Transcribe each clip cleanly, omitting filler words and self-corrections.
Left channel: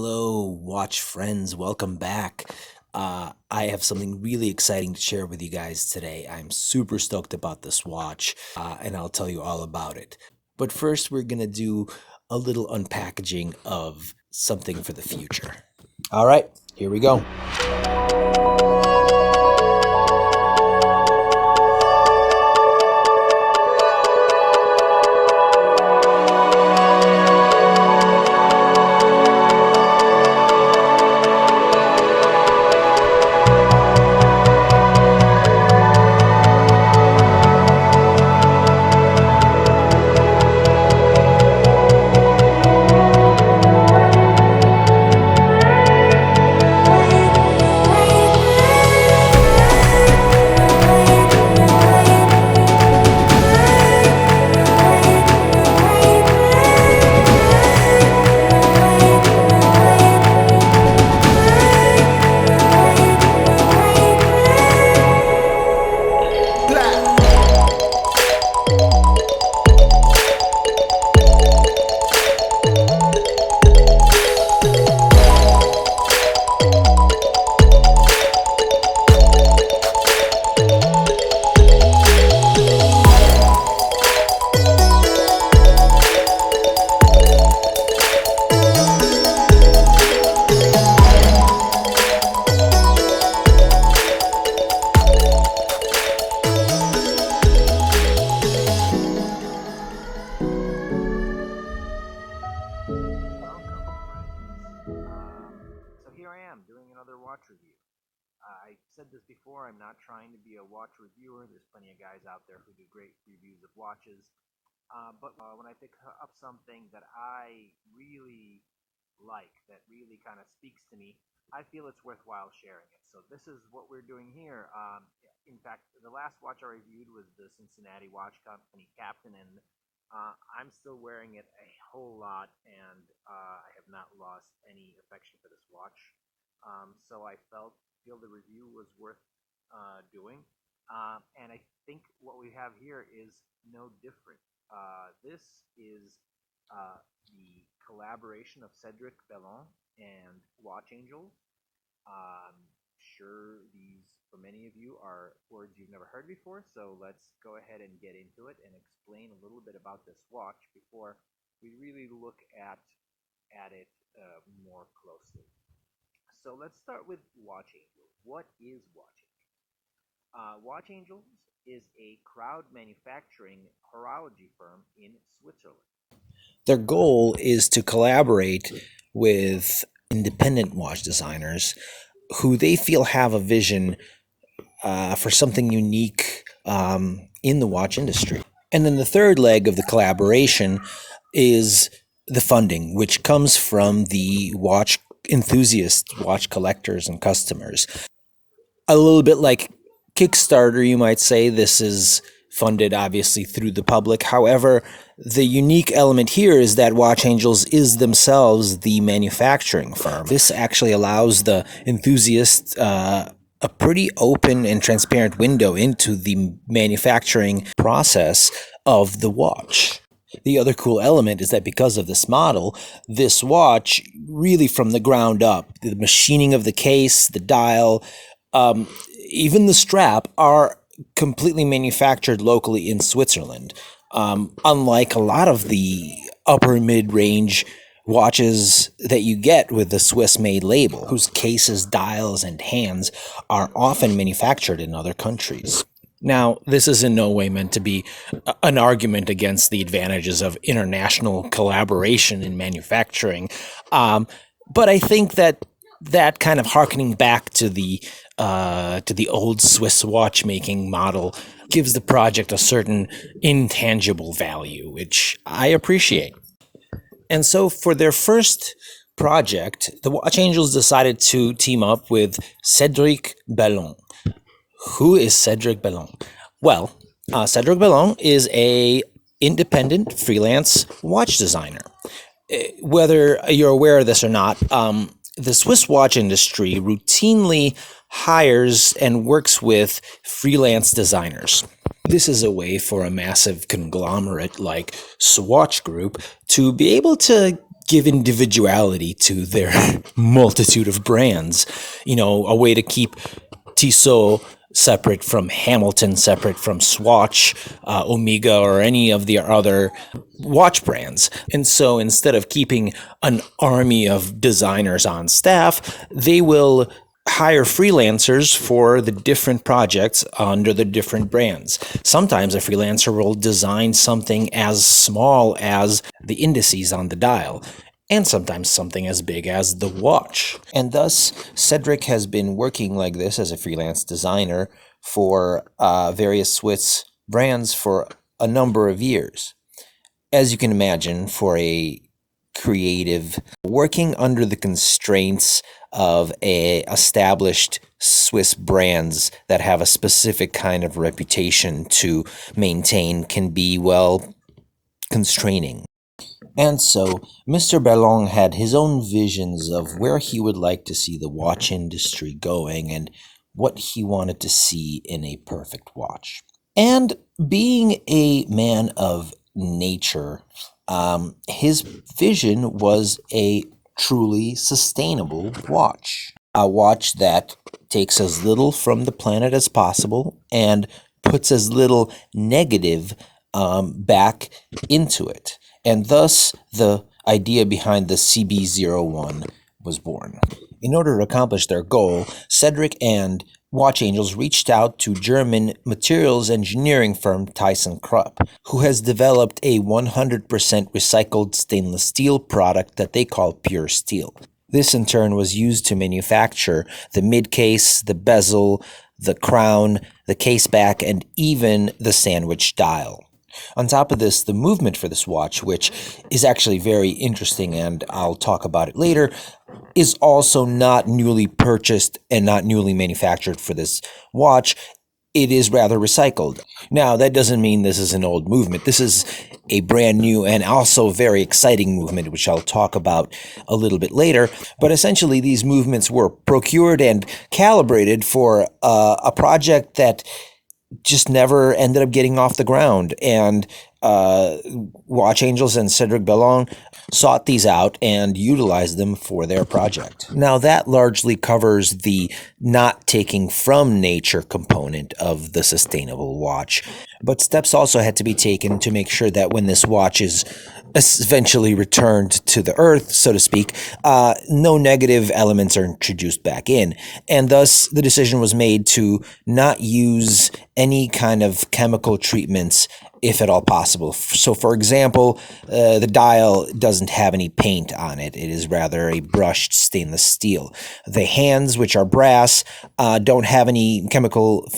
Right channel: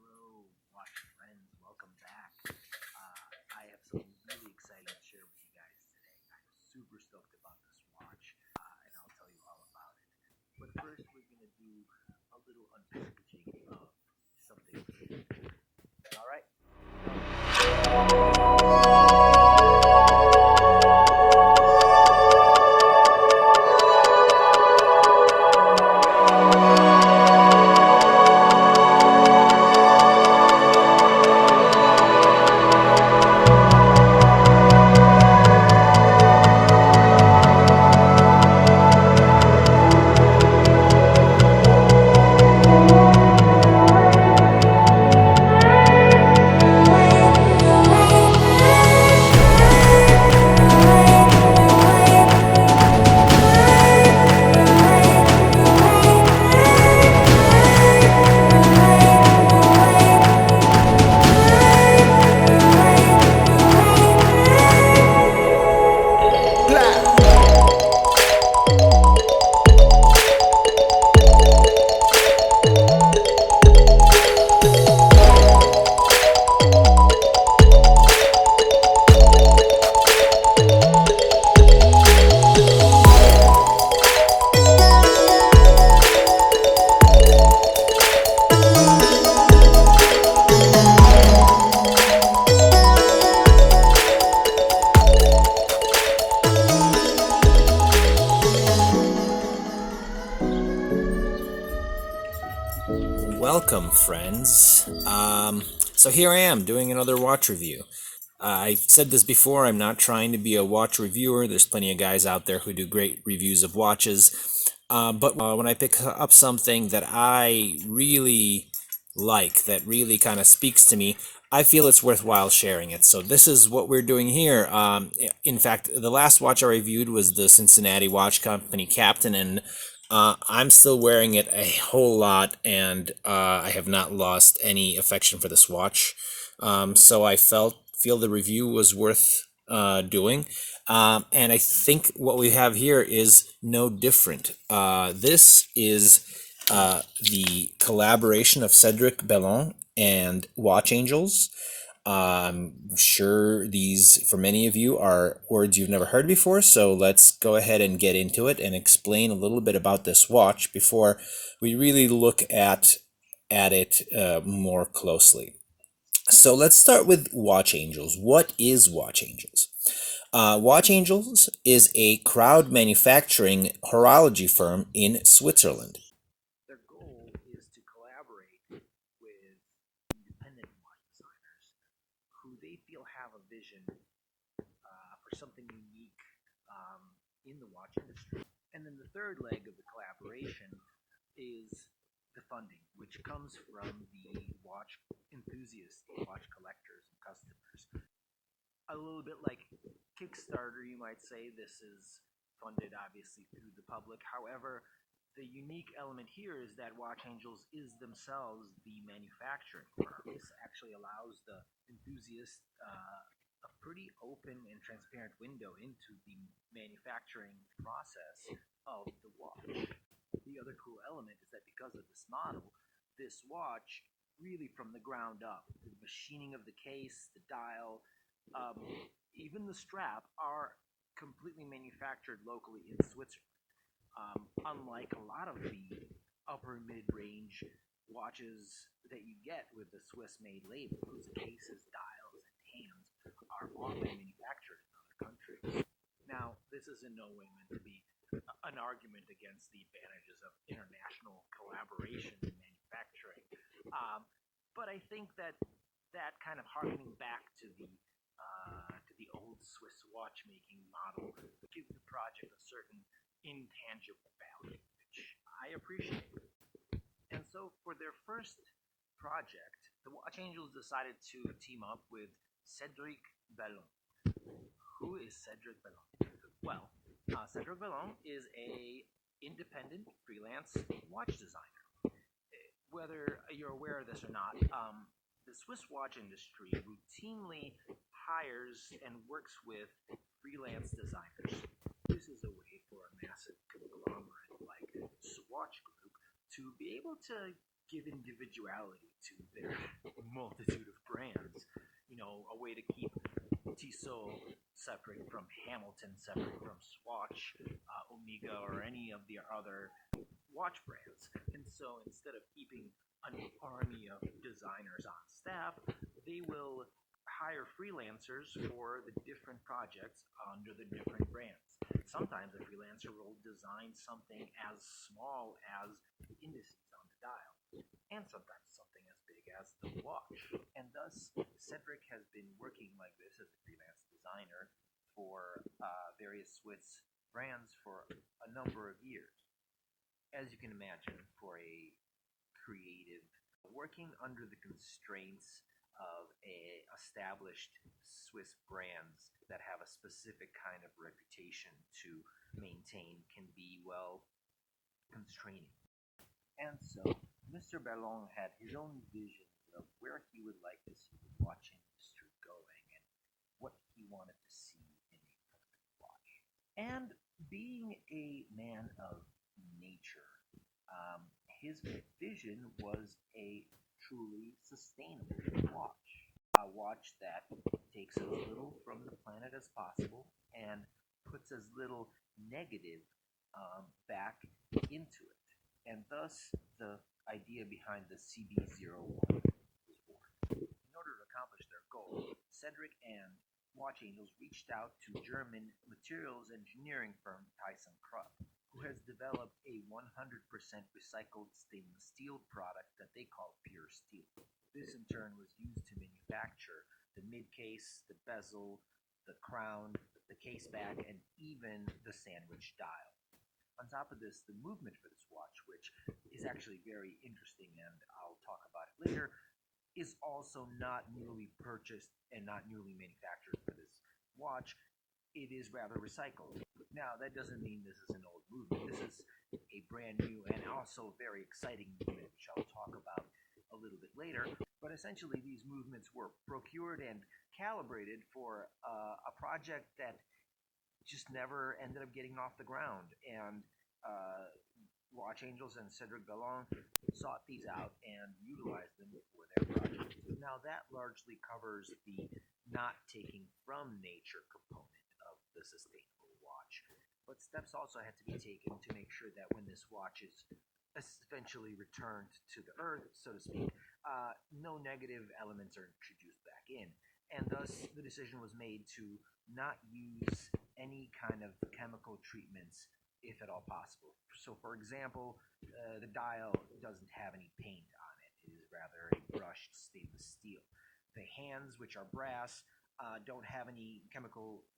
Hello, watch friends. Welcome back. I have something really exciting to share with you guys today. I'm super stoked about this watch, and I'll tell you all about it. But first, we're going to do a little unpackaging of something for the future. All right, here we go. Welcome, friends. So here I am doing another watch review. I've said this before, I'm not trying to be a watch reviewer. There's plenty of guys out there who do great reviews of watches. But when I pick up something that I really like, that really kind of speaks to me, I feel it's worthwhile sharing it. So this is what we're doing here. In fact, the last watch I reviewed was the Cincinnati Watch Company Captain, and I'm still wearing it a whole lot, and I have not lost any affection for this watch. So I feel the review was worth doing. And I think what we have here is no different. This is the collaboration of Cedric, Bellon, and Watch Angels. I'm sure these, for many of you, are words you've never heard before, so let's go ahead and get into it and explain a little bit about this watch before we really look at it more closely. So let's start with Watch Angels. What is Watch Angels? Watch Angels is a crowd manufacturing horology firm in Switzerland. Their goal is to collaborate with independent watch designers who they feel have a vision for something unique in the watch industry. And then the third leg of the collaboration is the funding, which comes from the watch enthusiasts, watch collectors, and customers. A little bit like Kickstarter, you might say. This is funded obviously through the public. However, the unique element here is that Watch Angels is themselves the manufacturing firm. This actually allows the enthusiast a pretty open and transparent window into the manufacturing process of the watch. The other cool element is that because of this model, this watch really from the ground up, the machining of the case, the dial, even the strap are completely manufactured locally in Switzerland. Unlike a lot of the upper mid-range watches that you get with the Swiss-made label, whose cases, dials, and hands are often manufactured in other countries. Now, this is in no way meant to be an argument against the advantages of international collaboration in manufacturing, but I think that kind of harkening back to the old Swiss watchmaking model gives the project a certain intangible value, which I appreciate. And so for their first project, the Watch Angels decided to team up with Cedric Bellon. Who is Cedric Bellon? Well, Cedric Bellon is a independent freelance watch designer. Whether you're aware of this or not, the Swiss watch industry routinely hires and works with freelance designers. This is a way for a massive conglomerate like Swatch Group to be able to give individuality to their multitude of brands. You know, a way to keep Tissot separate from Hamilton, separate from Swatch, Omega, or any of the other watch brands. And so instead of keeping an army of designers on staff, they will hire freelancers for the different projects under the different brands. Sometimes a freelancer will design something as small as the indices on the dial, and sometimes something as big as the watch. And thus, Cedric has been working like this as a freelance designer for various Swiss brands for a number of years. As you can imagine, for a creative, working under the constraints of a established Swiss brands that have a specific kind of reputation to maintain can be, well, constraining. And so, Mr. Bellon had his own visions of where he would like to see the watch industry going and what he wanted to see in a perfect watch. And being a man of nature, his vision was a truly sustainable watch. A watch that takes as little from the planet as possible and puts as little negative back into it. And thus, the idea behind the CB01 was born. In order to accomplish their goal, Cedric and Watch Angels reached out to German materials engineering firm ThyssenKrupp, who has developed a 100% recycled stainless steel product that they call Pure Steel. This in turn was used to manufacture the mid-case, the bezel, the crown, the case back, and even the sandwich dial. On top of this, the movement for this watch, which is actually very interesting and I'll talk about it later, is also not newly purchased and not newly manufactured for this watch. It is rather recycled. Now, that doesn't mean this is an old movement. This is a brand new and also very exciting movement, which I'll talk about a little bit later. But essentially, these movements were procured and calibrated for a project that just never ended up getting off the ground. And Watch Angels and Cedric Bellon sought these out and utilized them for their project. Now, that largely covers the not taking from nature component of the sustainable watch. But steps also had to be taken to make sure that when this watch is eventually returned to the earth, so to speak, no negative elements are introduced back in. And thus, the decision was made to not use any kind of chemical treatments if at all possible. So, for example, the dial doesn't have any paint on it. It is rather a brushed stainless steel. The hands, which are brass, don't have any chemical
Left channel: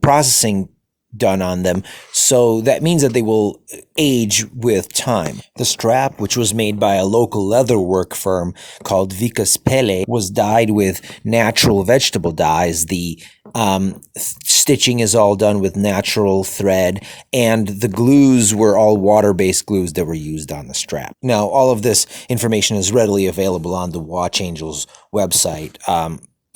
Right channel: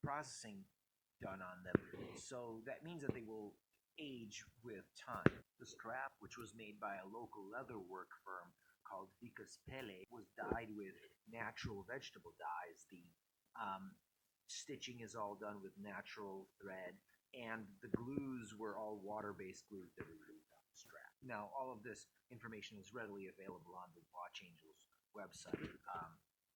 processing done on them, so that means that they will age with time. The strap, which was made by a local leatherwork firm called Vicus Pelle, was dyed with natural vegetable dyes. The stitching is all done with natural thread, and the glues were all water-based glues that were used on the strap. Now, all of this information is readily available on the Watch Angels website,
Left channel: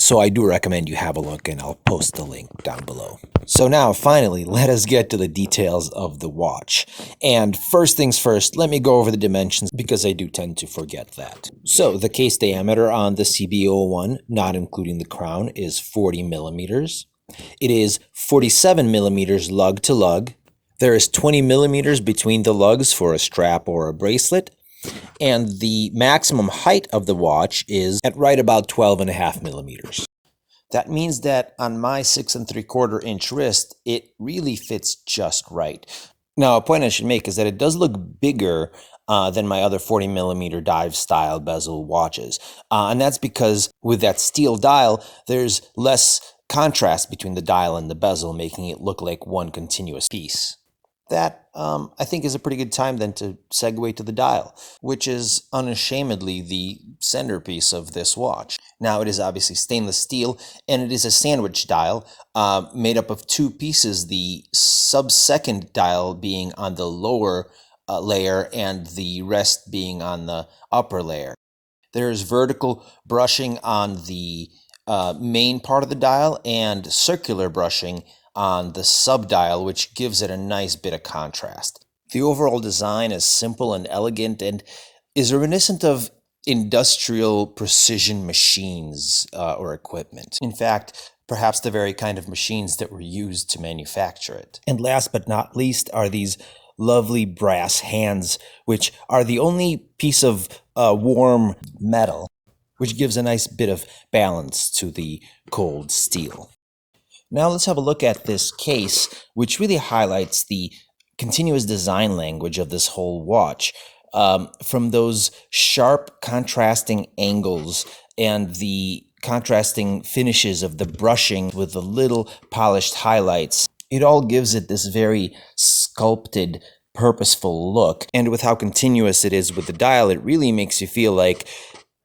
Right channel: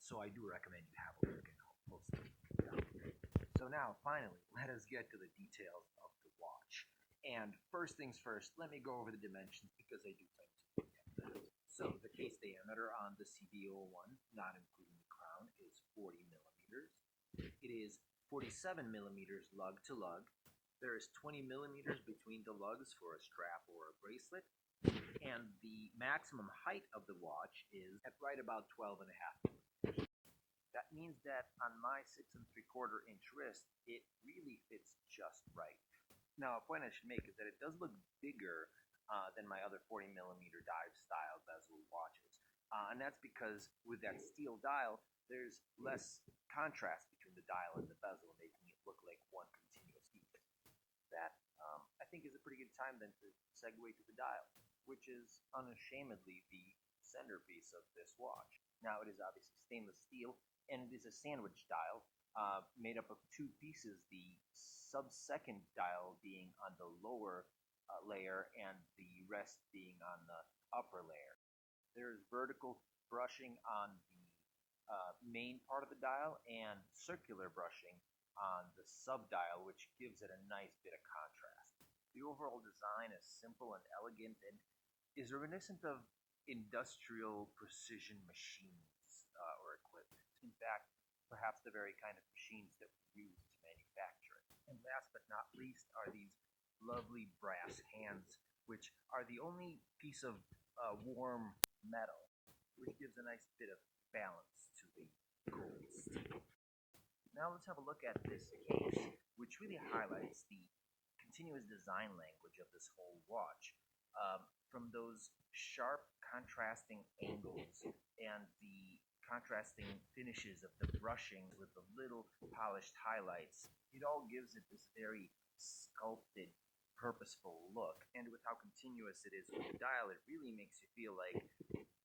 so I do recommend you have a look, and I'll post the link down below. So now, finally, let us get to the details of the watch. And first things first, let me go over the dimensions because I do tend to forget that. So the case diameter on the CB01, not including the crown, is 40 millimeters. It is 47 millimeters lug to lug. There is 20 millimeters between the lugs for a strap or a bracelet. And the maximum height of the watch is at right about 12.5 millimeters. That means that on my 6 3/4 inch wrist, it really fits just right. Now, a point I should make is that it does look bigger than my other 40 millimeter dive style bezel watches. And that's because with that steel dial, there's less contrast between the dial and the bezel, making it look like one continuous piece. That, I think, is a pretty good time then to segue to the dial, which is unashamedly the centerpiece of this watch. Now, it is obviously stainless steel, and it is a sandwich dial made up of two pieces, the sub-second dial being on the lower layer and the rest being on the upper layer. There is vertical brushing on the main part of the dial and circular brushing on the sub-dial, which gives it a nice bit of contrast. The overall design is simple and elegant, and is reminiscent of industrial precision machines or equipment. In fact, perhaps the very kind of machines that were used to manufacture it. And last but not least are these lovely brass hands, which are the only piece of warm metal which gives a nice bit of balance to the cold steel. Now let's have a look at this case, which really highlights the continuous design language of this whole watch. From those sharp contrasting angles and the contrasting finishes of the brushing with the little polished highlights, it all gives it this very sculpted, purposeful look. And with how continuous it is with the dial, it really makes you feel like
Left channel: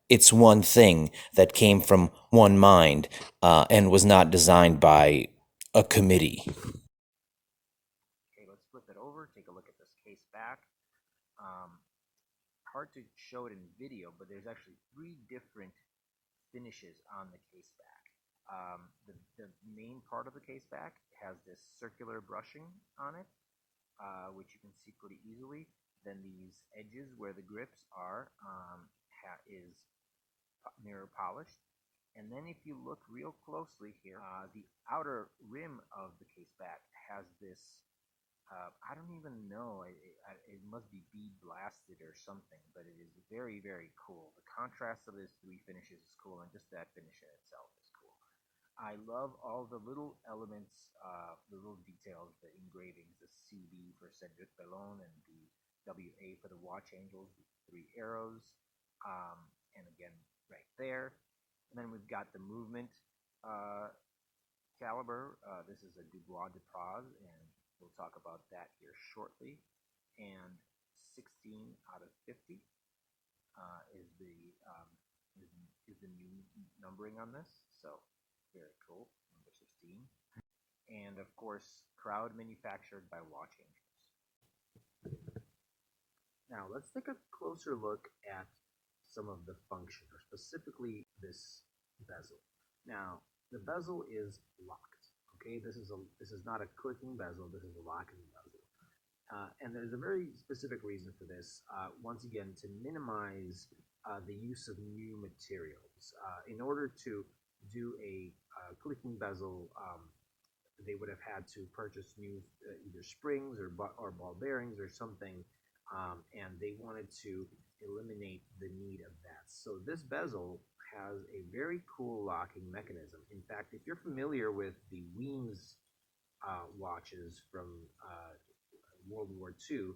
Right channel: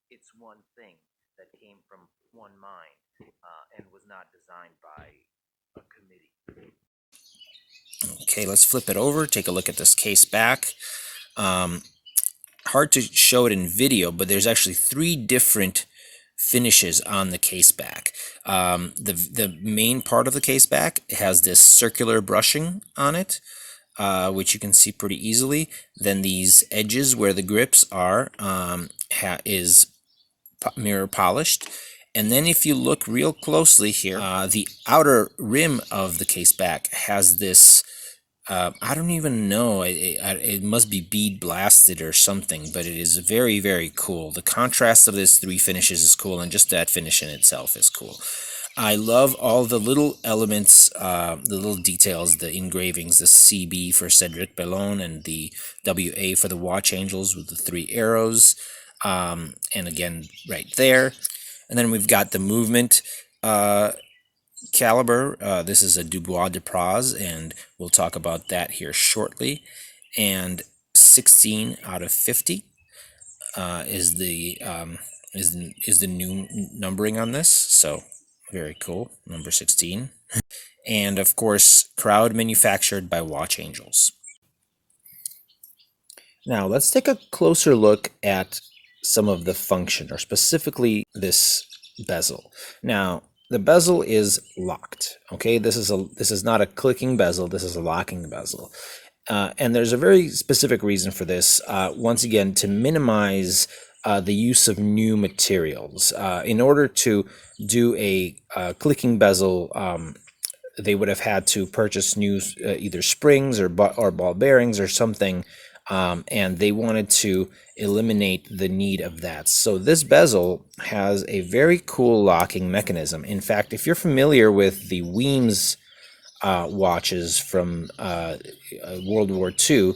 it's one thing that came from one mind and was not designed by a committee. Okay, let's flip it over, take a look at this case back. Hard to show it in video, but there's actually 3 different finishes on the case back. The main part of the case back has this circular brushing on it, which you can see pretty easily. Then these edges where the grips are is mirror polished. And then if you look real closely here, the outer rim of the case back has this, I don't even know, it must be bead blasted or something, but it is very, very cool. The contrast of this 3 finishes is cool, and just that finish in itself is cool. I love all the little elements, the little details, the engravings, the CB for Cedric, Bellon, and the WA for the watch angels with the 3 arrows. And again, right there. And then we've got the movement caliber. This is a Dubois de Praz, and we'll talk about that here shortly. And 16 out of 50 is the new numbering on this. So very cool, number 16. And of course, crowd manufactured by Watch Angels. Now let's take a closer look at some of the function, or specifically this bezel. Now the bezel is locked. Okay, this is not a clicking bezel. This is a locking bezel, and there's a very specific reason for this. Once again, to minimize the use of new materials. In order to do a clicking bezel, they would have had to purchase new either springs or ball bearings or something, and they wanted to eliminate the need of that. So this bezel has a very cool locking mechanism. In fact, if you're familiar with the Weems watches from World War II,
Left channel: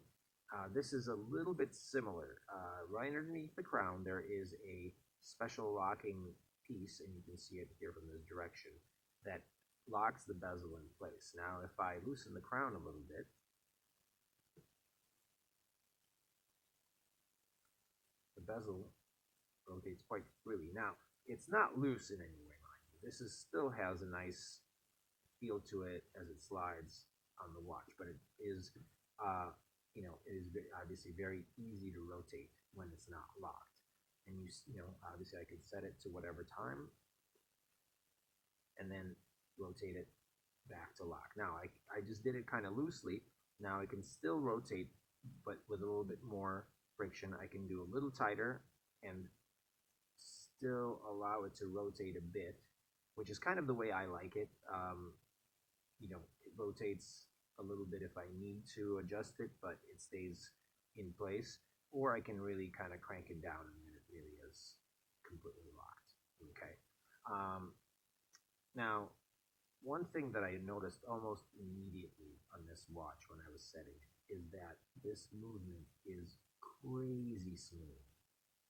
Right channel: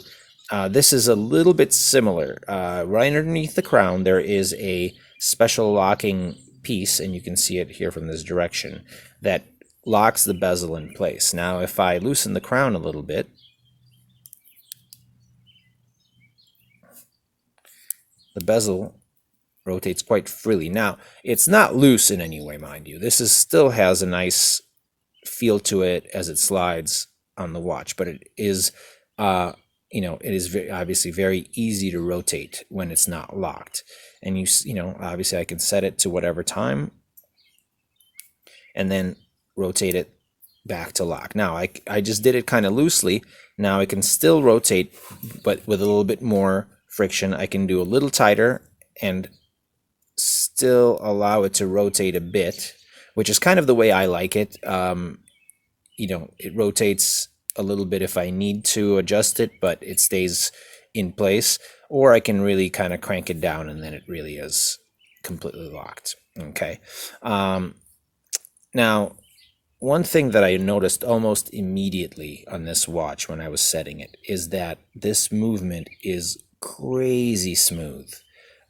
this is a little bit similar. Right underneath the crown, there is a special locking piece, and you can see it here from this direction, that locks the bezel in place. Now, if I loosen the crown a little bit, the bezel rotates quite freely. Now, it's not loose in any way, mind you. This still has a nice feel to it as it slides on the watch, but it is, it is obviously very easy to rotate when it's not locked. And obviously I can set it to whatever time and then rotate it back to lock. Now, I just did it kind of loosely. Now I can still rotate, but with a little bit more friction. I can do a little tighter and still allow it to rotate a bit, which is kind of the way I like it. It rotates a little bit if I need to adjust it, but it stays in place. Or I can really kind of crank it down, and then it really is completely locked. Okay. Now, one thing that I noticed almost immediately on this watch when I was setting it is that this movement is crazy smooth.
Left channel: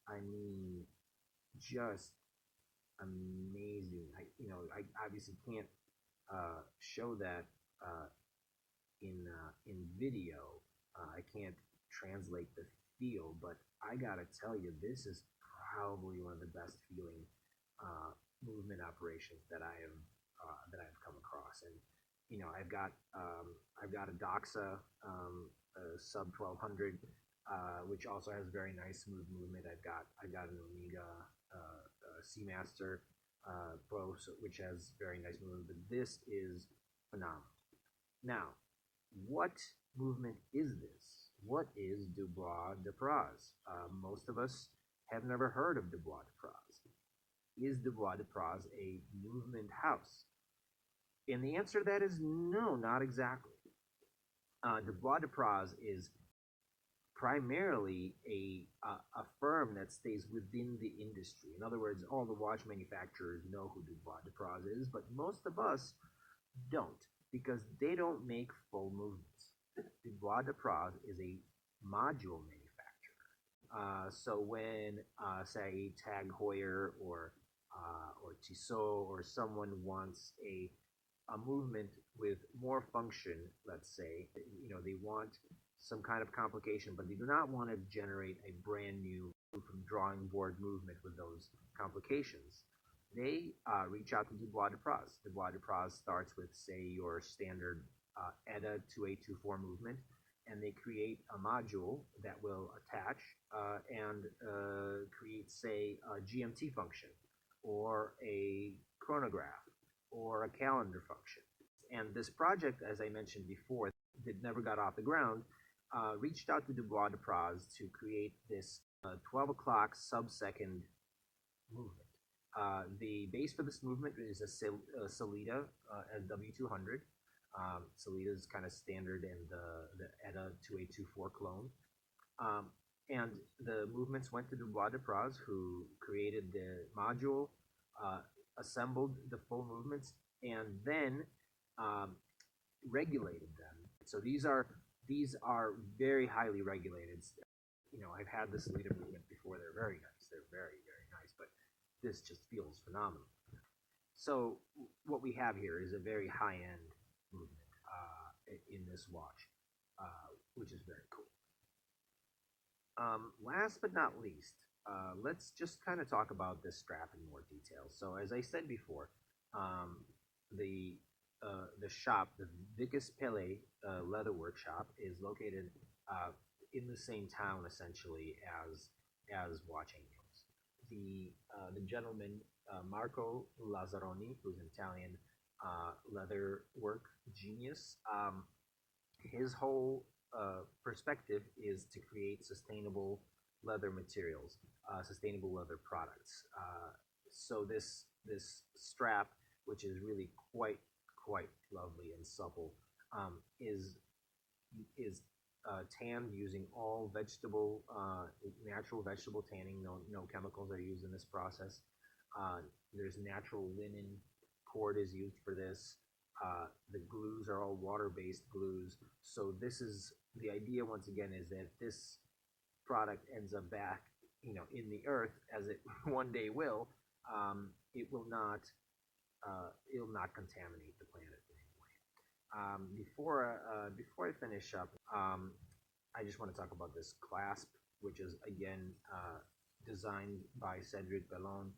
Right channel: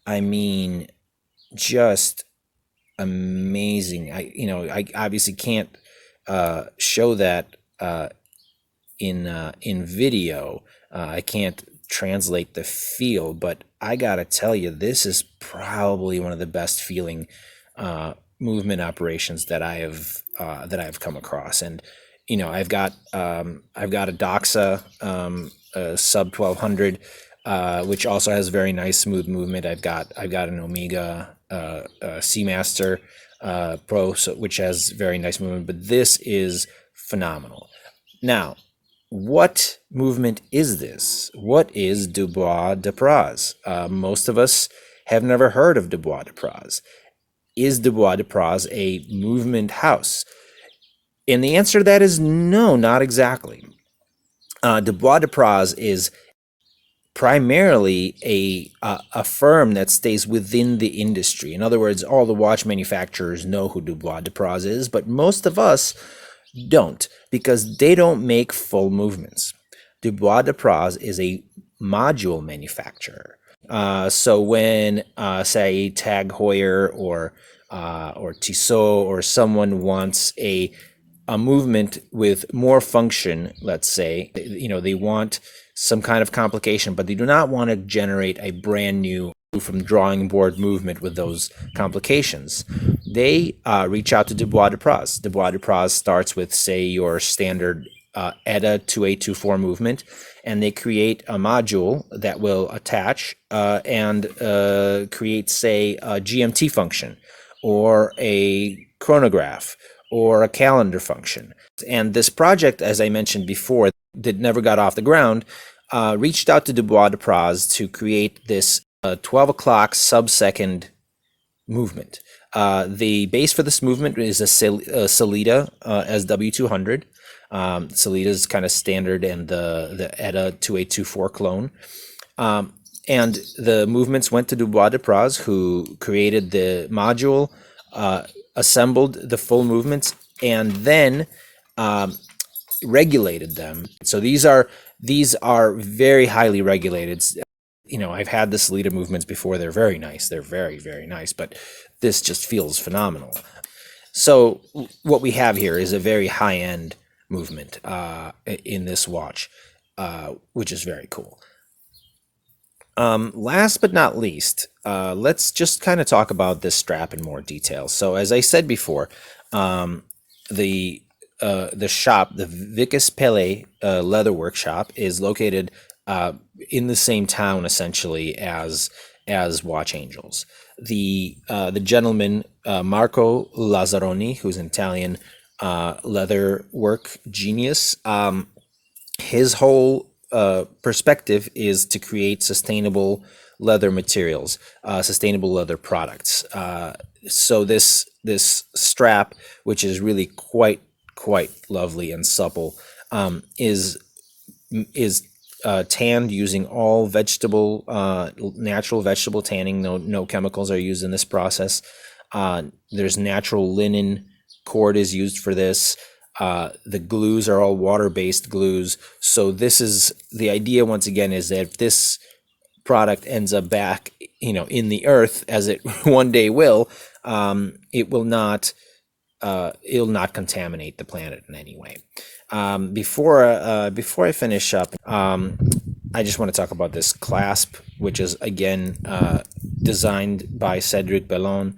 I mean, just amazing. I obviously can't show that in video. I can't translate the feel, but I gotta tell you, this is probably one of the best feeling movement operations that I've come across. And I've got a Doxa sub 1200, which also has very nice smooth movement. I've got an Omega Seamaster Pro, which has very nice movement, but this is phenomenal. Now, what movement is this? What is Dubois de Praz? Most of us have never heard of Dubois de Praz. Is Dubois de Praz a movement house? And the answer to that is no, not exactly. Dubois de Praz is primarily a firm that stays within the industry. In other words, all the watch manufacturers know who Dubois de Praz is, but most of us don't, because they don't make full movements. Dubois de Praz is a module manufacturer. So when, say, Tag Heuer or Tissot or someone wants a movement with more function, let's say, they want some kind of complication, but they do not want to generate a brand new from drawing board movement with those complications. They reach out to Dubois de Praz. Dubois de Praz starts with, say, your standard ETA 2824 movement, and they create a module that will attach and create, say, a GMT function or a chronograph or a calendar function. And this project, as I mentioned before, that never got off the ground, reached out to Dubois de Praz to create this 12 o'clock sub-second movement. The base for this movement is a Salida SW200. Salida is kind of standard, and the ETA 2824 clone. And the movements went to Dubois de Praz, who created the module, assembled the full movements, and then regulated them. So these are very highly regulated. I've had the Salida movements before. They're very nice. They're very, very nice, but this just feels phenomenal. So what we have here is a very high-end movement in this watch, which is very cool. Last but not least, let's just kind of talk about this strap in more detail. So as I said before, the shop, the Vicus Pele leather workshop, is located in the same town essentially as Watch Angels. The gentleman Marco Lazzaroni, who's an Italian leather work genius, his whole perspective is to create sustainable leather materials, sustainable leather products. So this strap, which is really quite lovely and supple, is tanned using all vegetable, natural vegetable tanning. No chemicals are used in this process. There's natural linen cord is used for this. The glues are all water-based glues. So this is the idea, once again, is that if this product ends up back, in the earth, as it one day will, it'll not contaminate the planet in any way. Before I finish up, I just want to talk about this clasp, which is again designed by Cedric Bellon.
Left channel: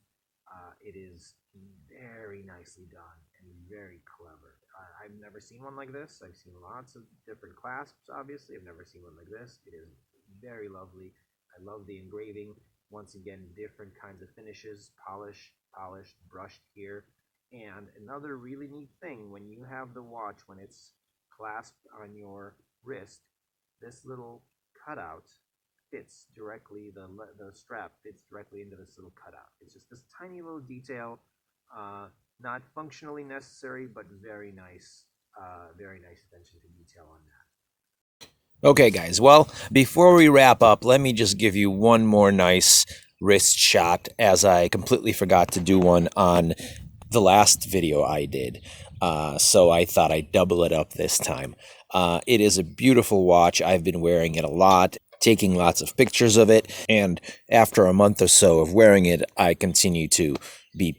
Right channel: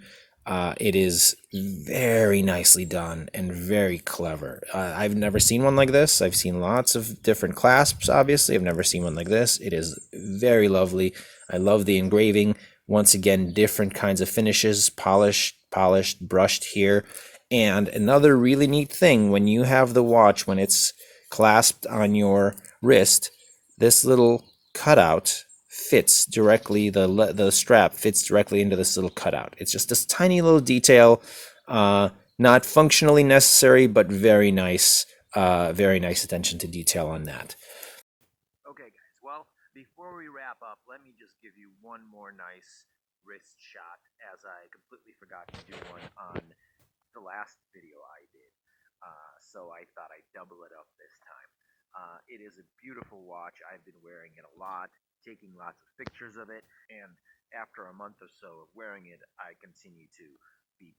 It is very nicely done and very clever. I've never seen one like this. I've seen lots of different clasps, obviously. I've never seen one like this. It is very lovely. I love the engraving. Once again, different kinds of finishes, polished, brushed here. And another really neat thing, when you have the watch, when it's clasped on your wrist, this little cutout fits directly, the strap fits directly into this little cutout. It's just this tiny little detail, not functionally necessary, but very nice attention to detail on that. Okay, guys, well, before we wrap up, let me just give you one more nice wrist shot, as I completely forgot to do one on the last video I did. So I thought I'd double it up this time. It is a beautiful watch. I've been wearing it a lot, taking lots of pictures of it, and after a month or so of wearing it, I continue to be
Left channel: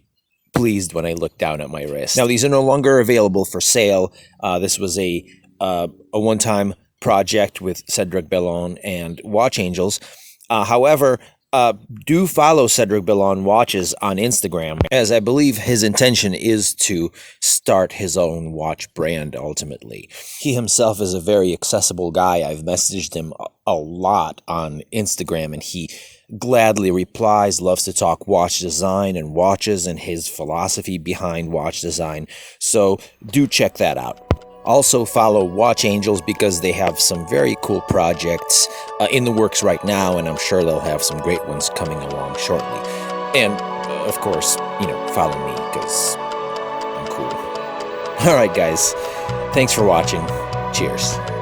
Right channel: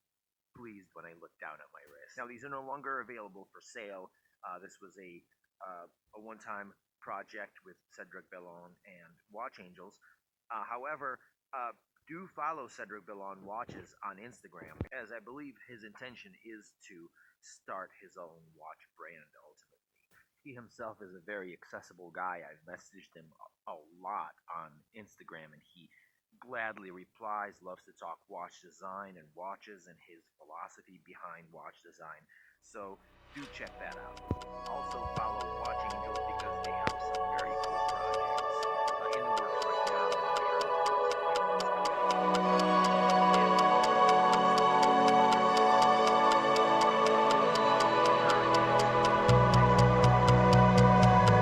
pleased when I look down at my wrist. Now, these are no longer available for sale. This was a one-time project with Cedric Bellon and Watch Angels. However, do follow Cedric Bellon Watches on Instagram, as I believe his intention is to start his own watch brand ultimately. He himself is a very accessible guy. I've messaged him a lot on Instagram, and he gladly replies, loves to talk watch design and watches and his philosophy behind watch design. So do check that out. Also follow Watch Angels because they have some very cool projects in the works right now, and I'm sure they'll have some great ones coming along shortly. And of course, follow me because I'm cool. All right, guys. Thanks for watching. Cheers.